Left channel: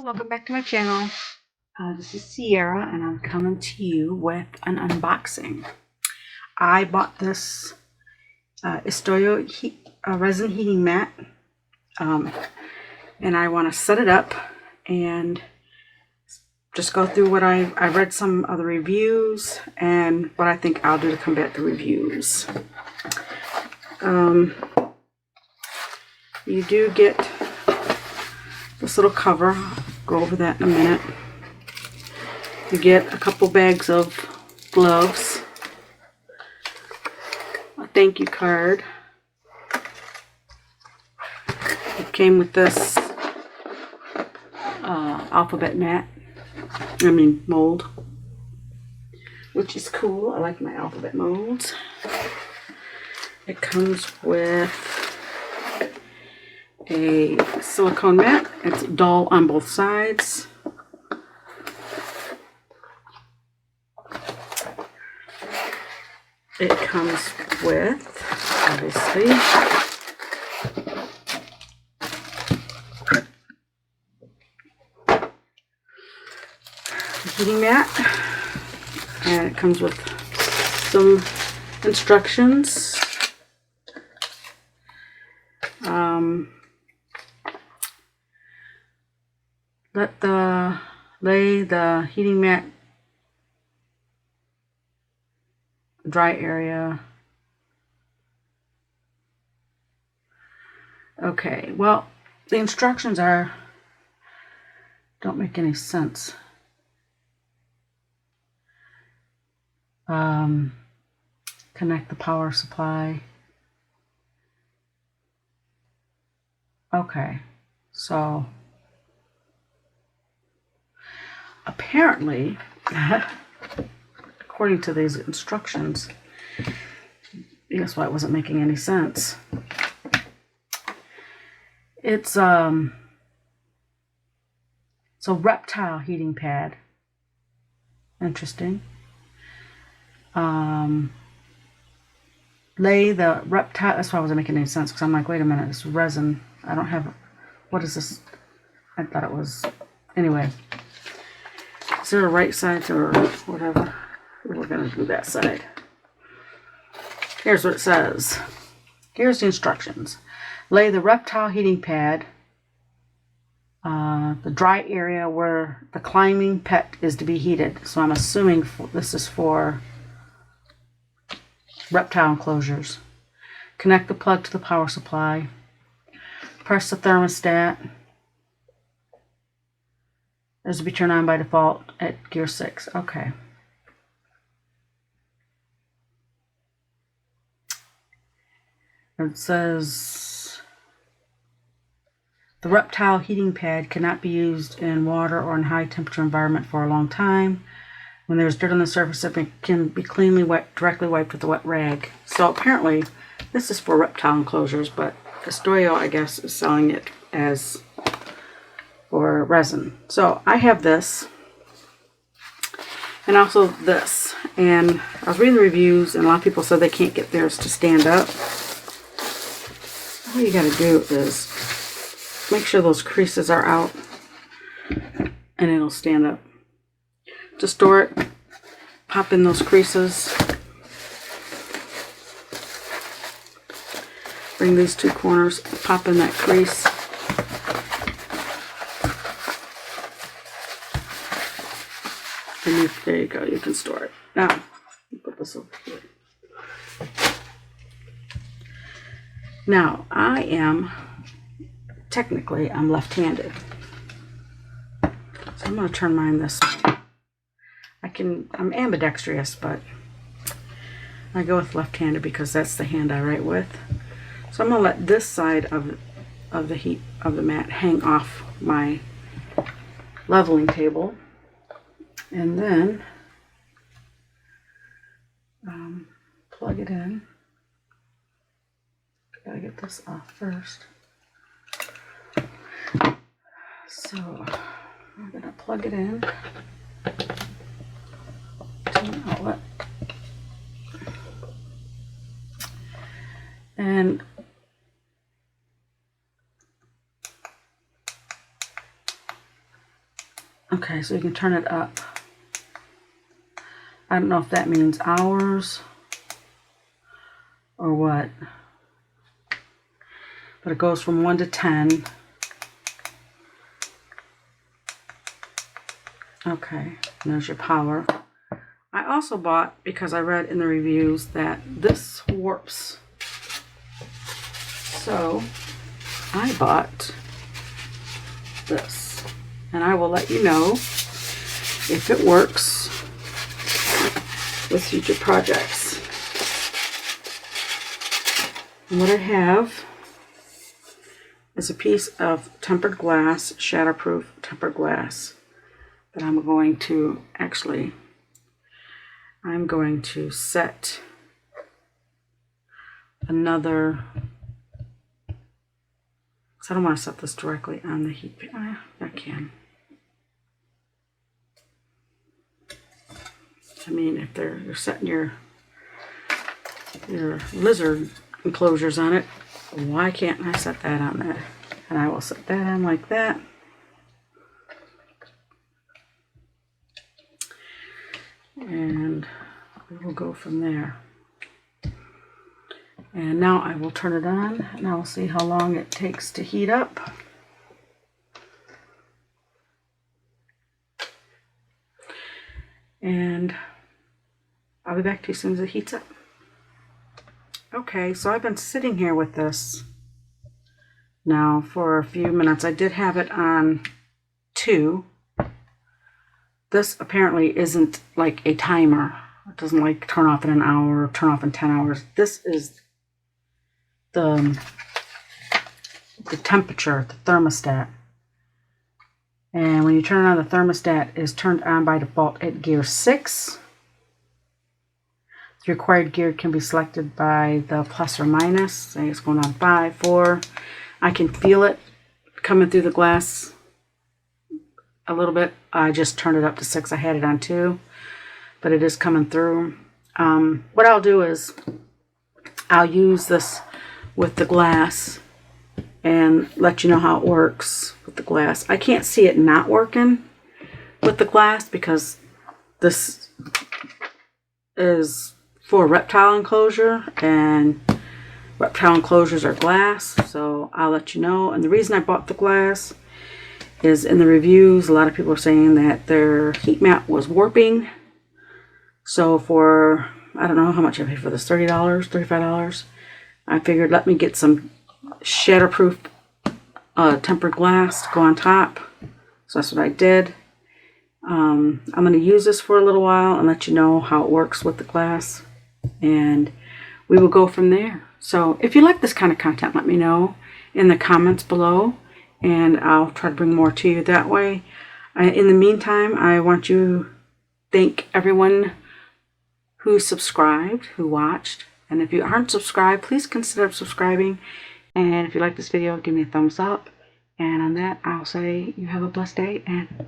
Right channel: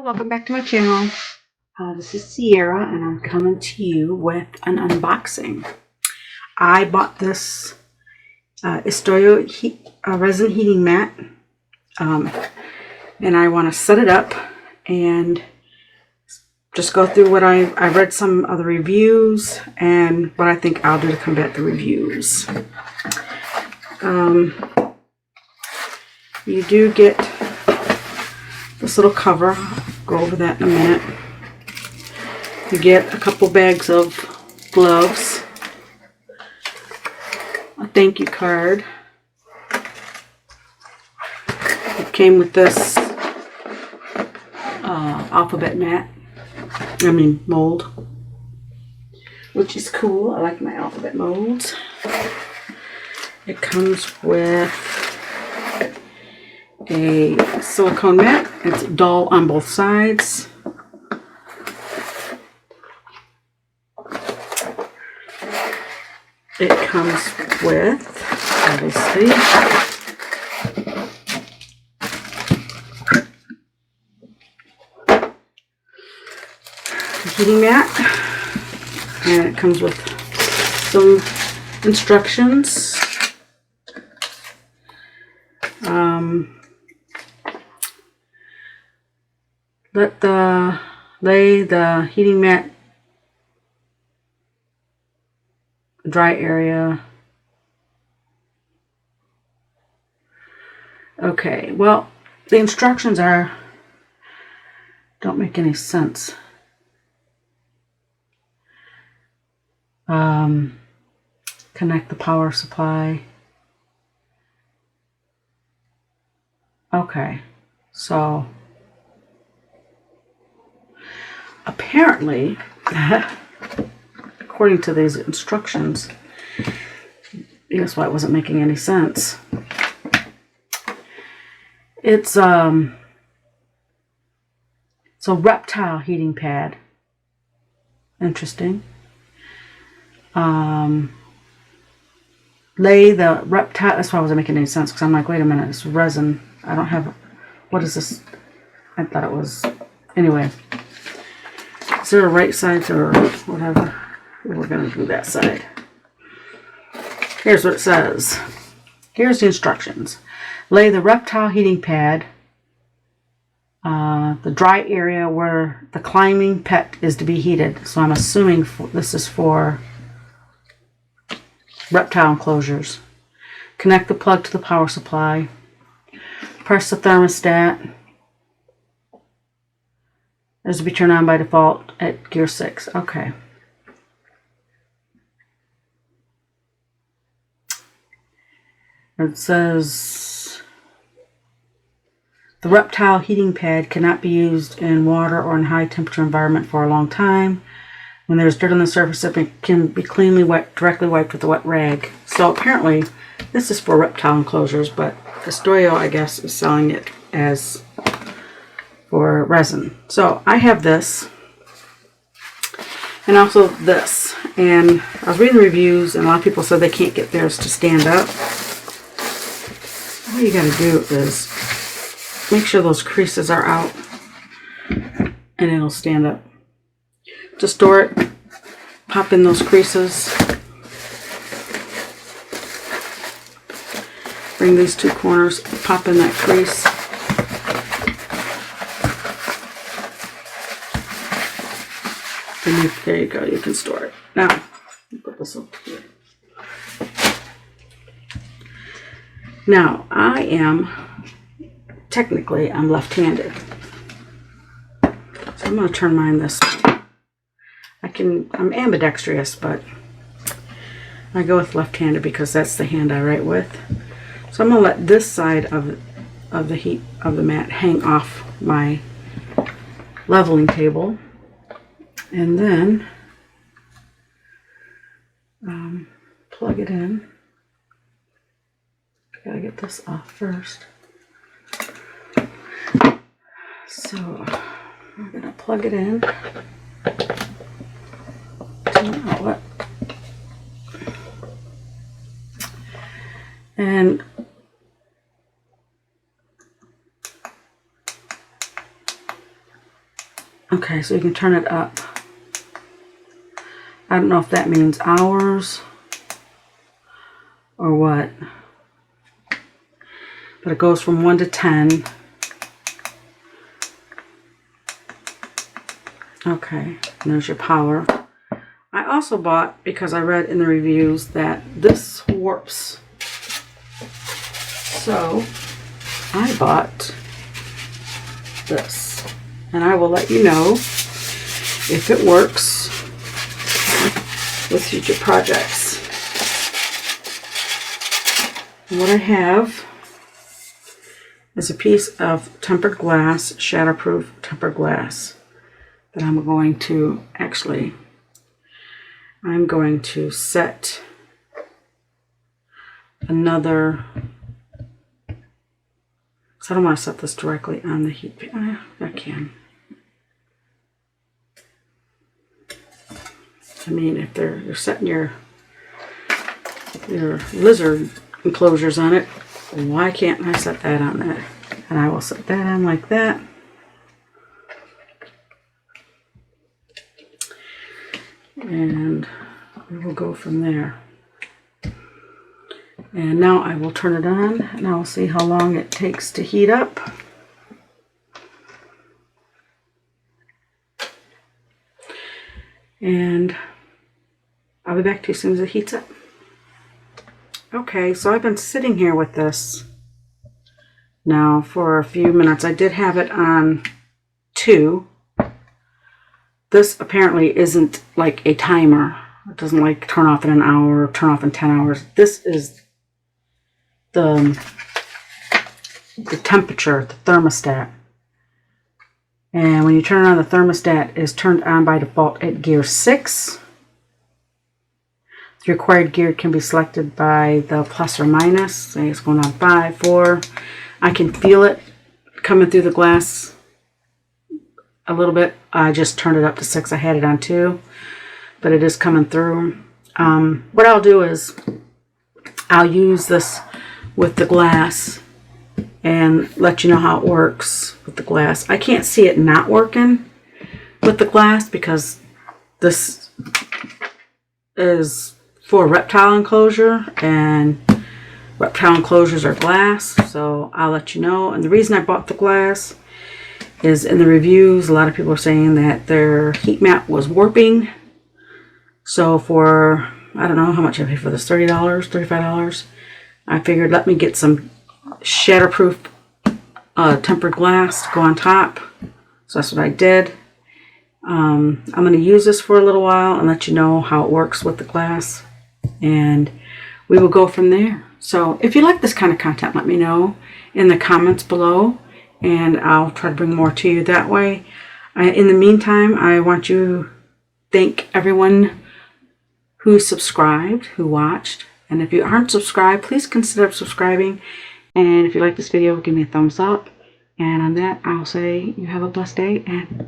Hello, welcome back to my channel. This is Sierra and I'm coming to you with an unboxing. I bought this Istoyo resin heating mat and I want to set it up and just go through what I read some of the reviews and what I think I'll do to combat the reviews. You do get this little cover. I'll go over that in a minute. You get a couple bags of gloves, a thank you card. It came with this alphabet mold, which is cool. I like my alphabet molds. It comes with a silicone mat. It's dull on both sides. It comes with, obviously, the heating mat, and it comes with some instructions. Lay the heating mat dry area. Okay, well, the instructions don't make any sense. Connect the power supply. Okay, so apparently, according to these instructions, that's why it wasn't making any sense. It's a reptile heating pad. Interesting. Lay the reptile. That's why it wasn't making any sense, because I'm like, wait a minute, it's resin. I don't have. What is this? I thought it was. Anyway. Is there a right side or whatever? We're going to do that side. Here's what it says. Here's the instructions. Lay the reptile heating pad, the dry area where the climbing pet is to be heated. So I'm assuming this is for reptile enclosures. Connect the plug to the power supply. Press the thermostat. Is to be turned on by default at gear 6. Okay. It says the reptile heating pad cannot be used in water or in high temperature environment for a long time. When there's dirt on the surface, it can be cleanly directly wiped with a wet rag. So apparently this is for reptile enclosures, but Istoyo, I guess, is selling it as for resin. So I have this and also this, and I was reading the reviews and a lot of people said they can't get theirs to stand up. All you got to do is make sure those creases are out and it'll stand up. To store it, pop in those creases, bring these two corners, pop in that crease. There you go, you can store it. Now, put this over here. Now, technically, I'm left-handed. So I'm going to turn mine this way. I'm ambidextrous, but I go with left-handed because that's the hand I write with. So I'm going to let this side of the mat hang off my leveling table. And then plug it in. Gotta get this off first. So we're gonna plug it in to an outlet. And Okay, so you can turn it up. I don't know if that means hours or what. But it goes from 1 to 10. Okay, and there's your power. I also bought, because I read in the reviews that this warps. So I bought this. And I will let you know if it works with future projects. What I have is a piece of tempered glass, shatterproof tempered glass, that I'm going to set another, because I don't want to set this directly on the heat. I can. I mean, if you're setting your lizard enclosures on it, why can't I set that on there? And I will set that on like that. And we will go from there. And now I will turn it on and I'll see how long it takes to heat up. And I'll be back to you as soon as it heats up. Okay, so I've been sitting here with this now for a few minutes. I did have it on 2. This apparently isn't like a timer. It doesn't like turn off in an hour or turn off in 10 hours. This is the temperature, the thermostat. And when you turn it on, the thermostat is turned on by default at gear 6. The required gear can be selected by the plus or minus. Say it's going on 5, 4. I can feel it coming through the glass a little bit. I just turned it up to 6. I had it on 2, but it is coming through. What I'll do is I'll use this with the glass and let you know how it works with the glass. I can't see it not working with the glass because this is for reptile enclosure, and reptile enclosures are glass, so I'll let you know. And the reason I bought the glass is in the reviews, a lot of people are saying that their heat mat was warping. So for, I don't know how much I paid for this, $30, $35. I figured let me get some shatterproof tempered glass to go on top. So that's what I did. I'm going to use this for a little while and let you know how it works with the glass. And we will go from there. So if you like this kind of content, let me know in the comments below, and I'll try to bring more to you that way. In the meantime, I want to thank everyone who subscribed, who watched. And if you aren't subscribed, please consider subscribing. And if you like this video, give me a thumbs up. And on that, I'll say you have a blessed day and